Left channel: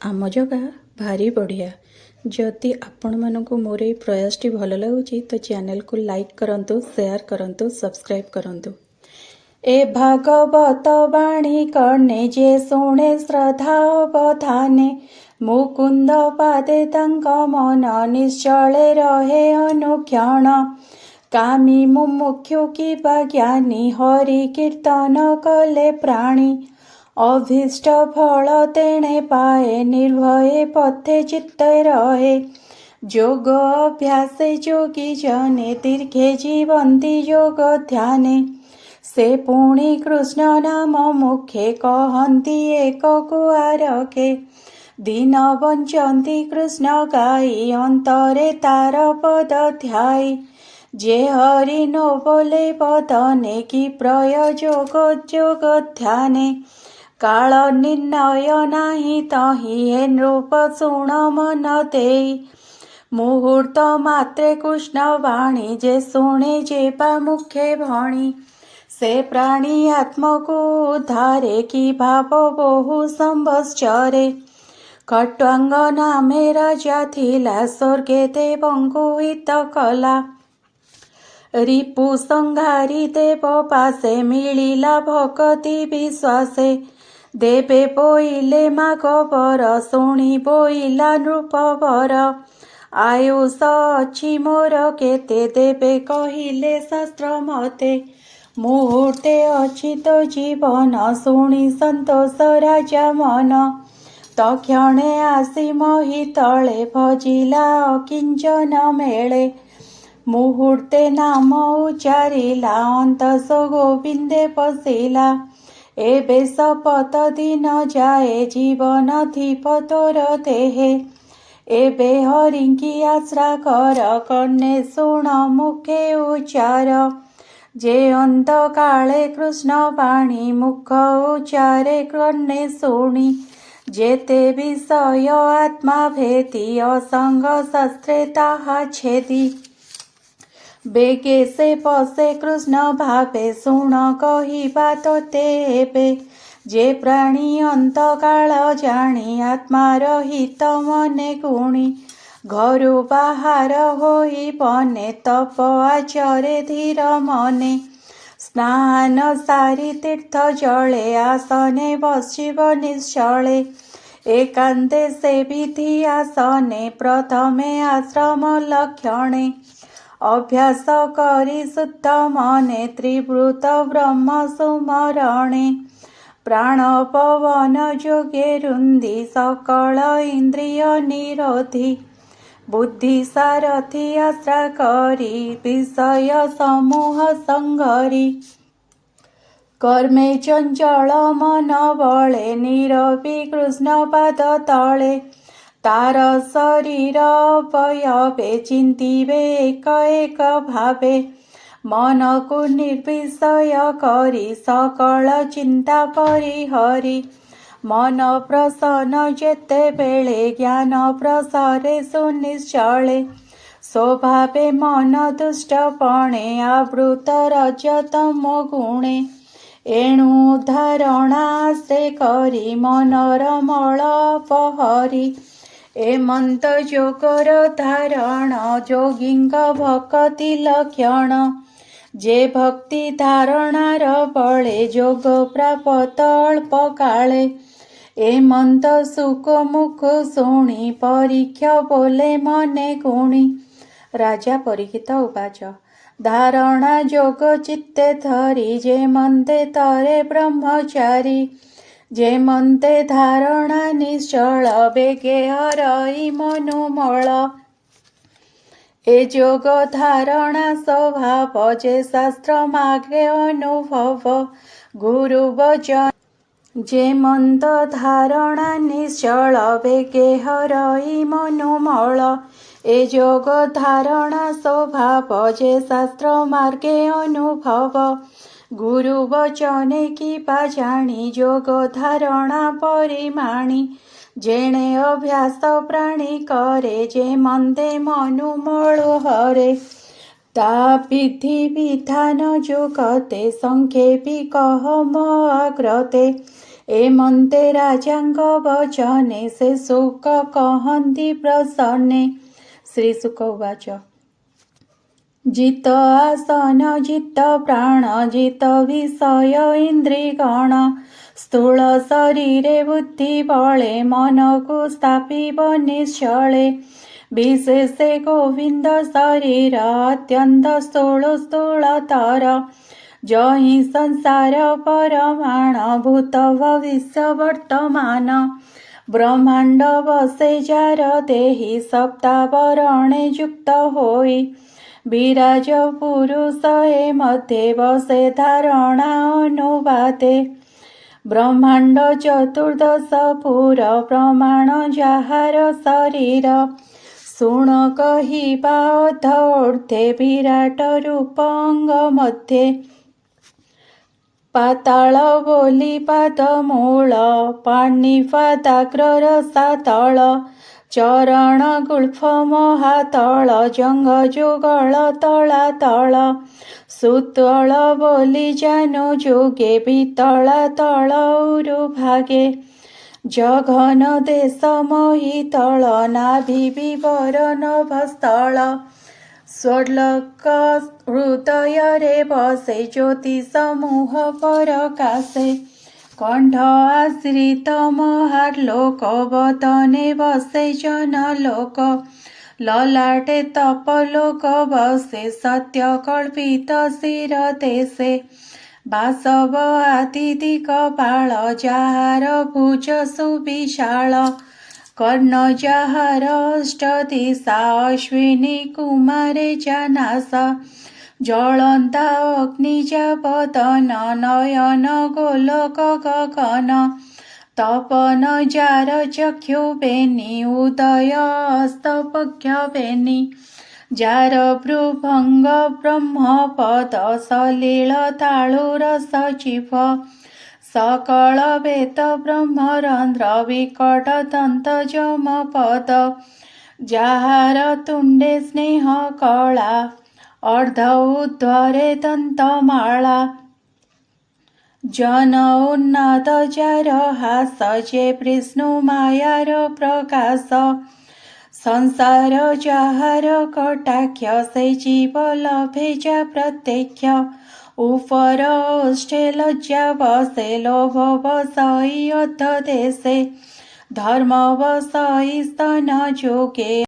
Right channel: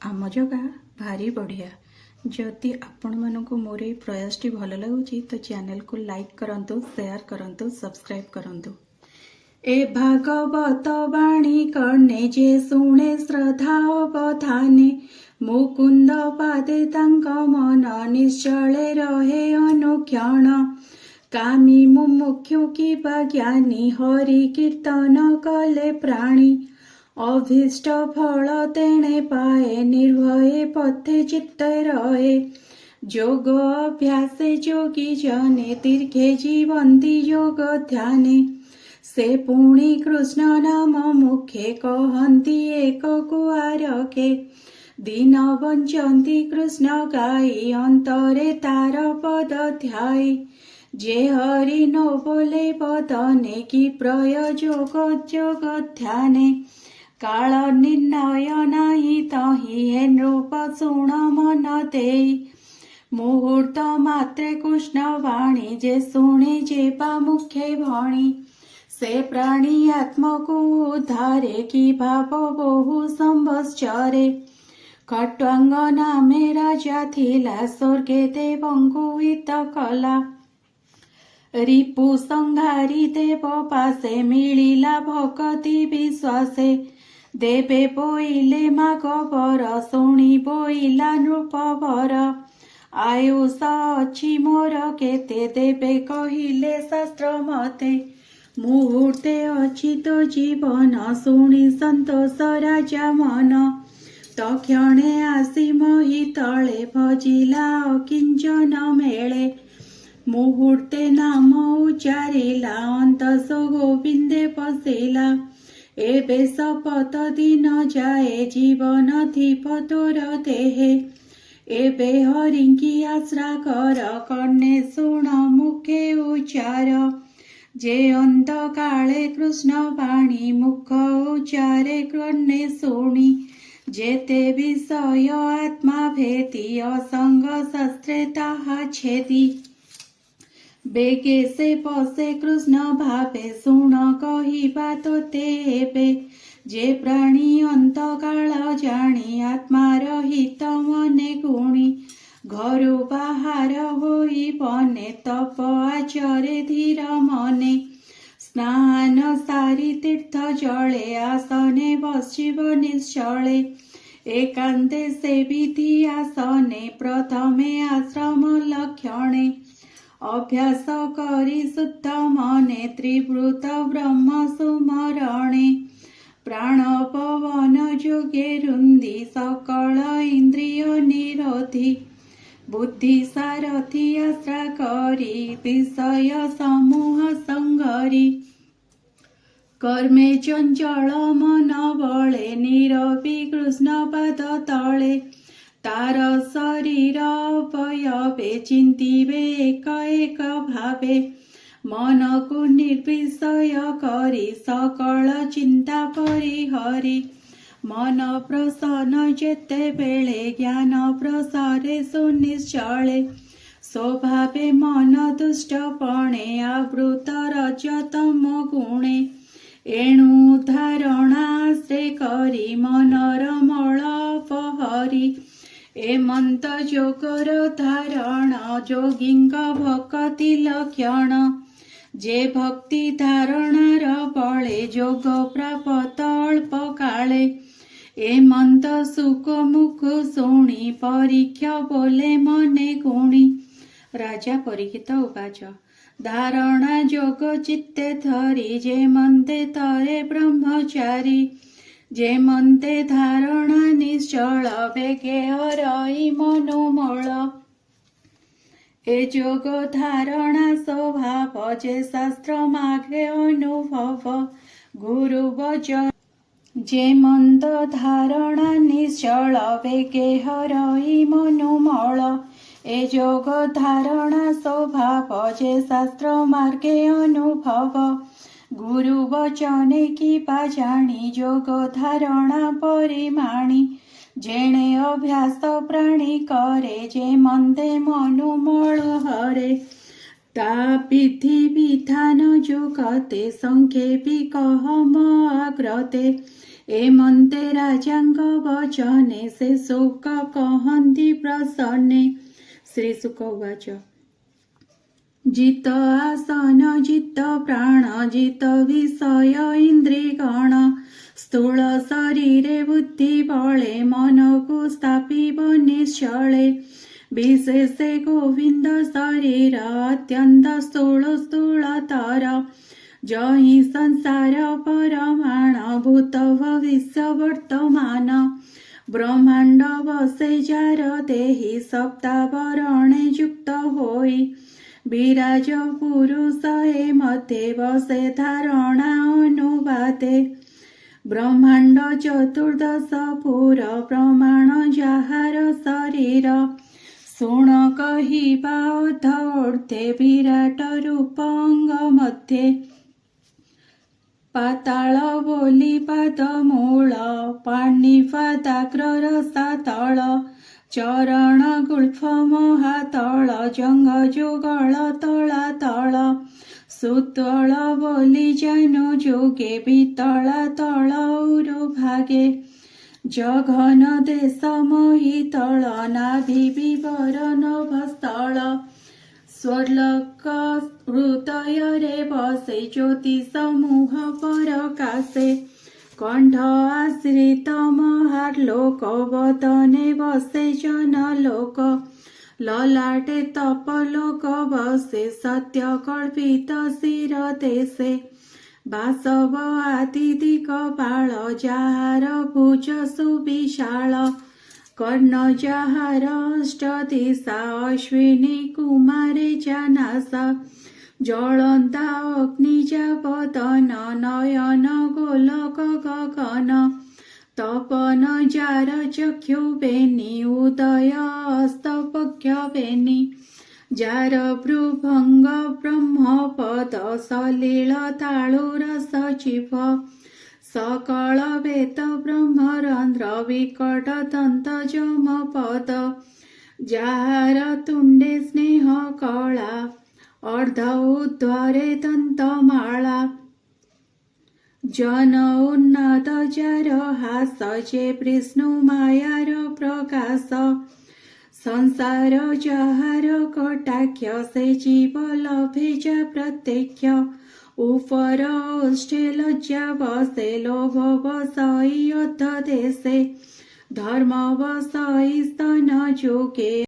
आम जगह भारी बढ़िया। जदि आपण मानक मोर ये प्रयास भल लगुच तो चैनल को लाइक करंतु, शेयर करंतु, सब्सक्राइब करंतु। ए भागवत वाणी कर्णे जे शुणे श्रद्धा अवधाने मुकुंद पादे तंक मन निश्चले रहे अनुक्षण। कामी मुमुक्षु किबा ज्ञानी हरि कीर्तन कले प्राणी अभीष्ट फल तेणे पाए निर्भये पथे चित्ते रहे। योग अभ्यास योगी जने दीर्घे जीवंती योग ध्याने से पुणी कृष्ण नाम मुखे कहंती एक कुआरके दीन वंचंती कृष्ण गाई अंतरे तार पद ध्याई। जे हरि नो बोले बदने की प्रयोजोग जोग ध्याने काल निर्णय नाही तही हे नृप शुण मन देई। मुहूर्त मात्रे कृष्ण वाणी जे शुणे जेबा मुखे भणी से प्राणी आत्म को उद्धारे की भाव बहु संवत्सरे। खट्वांग नामे राजा थिला स्वर्गे देवंकु हित कला रिपु संहारी देव पासे मिलिला भक्ति विश्वासे। देवे बोइले मागवर शुणी बोइला नृपवर आयुष अछि मोर केते देवे कहिले शास्त्र मते। मुहूर्ते अछि तो जीवन शुणी संतोष राजा मन तक्षणे आसी मही तले भजिला किंचन मेले। मुहूर्ते नाम उच्चारिला अंतस गोविंदे पशिला एबे शपथ दिन जाए जीवन धीप तोर देहे। एबे हरिंकी आश्रा कर कर्णे शुण मुखे उच्चार जे अंत काले कृष्ण वाणी मुख उच्चारे कर्णे शुणी जेते विषय आत्मा भेदी असंग शास्त्रे ताहा छेदी। बेगे से पसे कृष्ण भावे शुण कहिबा तोते हेबे जे प्राणी अंत काल जाणी आत्मा रहित मने गुणी घरु बाहर होई बने तप आचरे धीर मने। स्नान सारी तीर्थ जले आसने बसिब निश्चले एकांते से विधि आसने प्रथमे आश्रम लक्षणे। अभ्यास करी शुद्ध मने त्रिवृत ब्रह्म सुमरणे प्राण पवन जोगे रुंदी सकल इंद्रिय निरोधी बुद्धि सारथी आश्रा करी विषय समूह संगरी। कर्मे चंचल मन बळे नीरवी कृष्ण पाद तळे तार शरीर अवयवे चिंतिबे एक एक भावे मन को निर्विषय करी सकल चिंता परिहरी। मन प्रसन्न जेते बेले ज्ञान प्रसारे सुनिश्चले स्वभावे मन दुष्टपणे आवृत रजतम गुणे। एणु धारणाश्रे करी मनर मल अपहरी एमंत जोगर धारण जोगिंक भक्ति लक्षण जे भक्ति धारणार बळे जोग प्राप्त अल्प काले। एमंत सुख मुख शुणी परीक्ष बोले मने गुणी। राजा परीक्षित उवाच धारणा जोग चित्ते धरी जे मंते तरे ब्रह्मचारी जे मंते धारणा निश्चल बेगे हरई मनुमल। ए जोग धारणा स्वभाव जे शास्त्र मागे अनुभव गुरु वचन जे मंत धारणा निश्चल बेगे हरई मनुमल। ए जोग धारणा स्वभाव जे शास्त्र मार्गे अनुभव गुरु वचने की जाणी जोग धारणा परिमाणी। जेणे अभ्यास प्राणी करे जे मंदे मनु मळु हरे ता विधि विधान जुगते संक्षेपी कहम अग्रते। ଏମନ୍ତେ ରାଜାଙ୍କ ବଚନେ ସେ ଶୋକ କହନ୍ତି ପ୍ରସନ୍ନେ। ଶ୍ରୀଶୁକ ଉବାଚ ଜିତ ଆସନ ଜିତ ପ୍ରାଣ ଜିତ ବିଷୟ ଇନ୍ଦ୍ରିଗଣ ସ୍ଥୂଳ ଶରୀରେ ବୁଦ୍ଧି ବଳେ ମନକୁ ସ୍ଥାପିବ ନିଶ୍ଚଳେ। ବିଶେଷେ ଗୋବିନ୍ଦ ଶରୀର ଅତ୍ୟନ୍ତ ସ୍ଥୂଳତର ଯହି ସଂସାର ପରମାଣ ଭୂତ ଭବିଷ୍ୟ ବର୍ତ୍ତମାନ। ବ୍ରହ୍ମାଣ୍ଡ ବସେ ଯାର ଦେହି ସପ୍ତାବରଣେ ଯୁକ୍ତ ହୋଇ ବିରାଜ ପୁରୁଷ ଏ ମଧ୍ୟେ ବସେ ଧାରଣା ଅନୁବାଦେ। ବ୍ରହ୍ମାଣ୍ଡ ଚତୁର୍ଦଶ ପୁର ପ୍ରମାଣ ଯାହାର ଶରୀର ଶୁଣ କହିବା ଅଧୋର୍ଦ୍ଧେ ବିରାଟ ରୂପ ଅଙ୍ଗ ମଧ୍ୟେ। ପାତାଳ ବୋଲି ପାଦ ମୂଳ ପାଣିପାଦାଗ୍ର ରସାତଳ ଚରଣ ଗୁଳ୍ଫ ମହାତଳ ଜଙ୍ଘ ଯୁଗଳ ତଳାତଳ। ସୁତଳ ବୋଲି ଜାନୁ ଯୁଗେ ବିତଳା ତଳ ଉରୁ ଭାଗେ ଜଘନ ଦେଶ ମହିତଳ ନାଭି ବିବର ନଭସ୍ଥଳ। ସ୍ୱର୍ଲୋକ ହୃଦୟରେ ବସେ ଜ୍ୟୋତି ସମୂହ ପରକାଶେ କଣ୍ଠ ଆଶ୍ରିତ ମହାର୍ଲୋକ ବଦନେ ବସେ ଜନଲୋକ। ଲଲାଟେ ତପଲୋକ ବସେ ସତ୍ୟ କଳ୍ପିତ ଶିର ଦେଶେ ବାସବ ଆଦି ଦିଗପାଳ ଯାହାର ଭୁଜ ସୁବିଶାଳ। କର୍ଣ୍ଣ ଯାହାର ଅଷ୍ଟଦିଶା ଅଶ୍ୱିନୀ କୁମାରେ ଜାନାସ ଜଳନ୍ତା ଅଗ୍ନି ଯାବଦନ ନୟନ ଗୋଲକ ଗଗନ। ତପନ ଯାର ଚକ୍ଷୁ ବେନି ଉଦୟ ଅସ୍ତପକ୍ଷ ବେନି ଯାର ଭ୍ରୁଭଙ୍ଗ ବ୍ରହ୍ମପଦ ସଲିଳ ତାଳୁର ସଜୀବ। ସକଳ ବେଦ ବ୍ରହ୍ମରନ୍ଧ୍ର ବିକଟ ଦନ୍ତ ଯମପଦ ଯାହାର ତୁଣ୍ଡେ ସ୍ନେହ କଳା ଅର୍ଦ୍ଧ ଉର୍ଦ୍ଧ୍ୱରେ ଦନ୍ତମାଳା। ଜନ ଉନ୍ନତ ଯାର ହାସ ଯେ ବିଷ୍ଣୁ ମାୟାର ପ୍ରକାଶ। ସଂସାର ଯାହାର କଟାକ୍ଷ ସେ ଜୀବ ଲଭେ ଯା ପ୍ରତ୍ୟକ୍ଷ। ଉପର ଓଷ୍ଠେ ଲଜ୍ଜା ବସେ ଲୋଭ ବସଇ ଅଧ ଦେଶେ ଧର୍ମ ବସଇ ସ୍ତନ ଯୋଗେ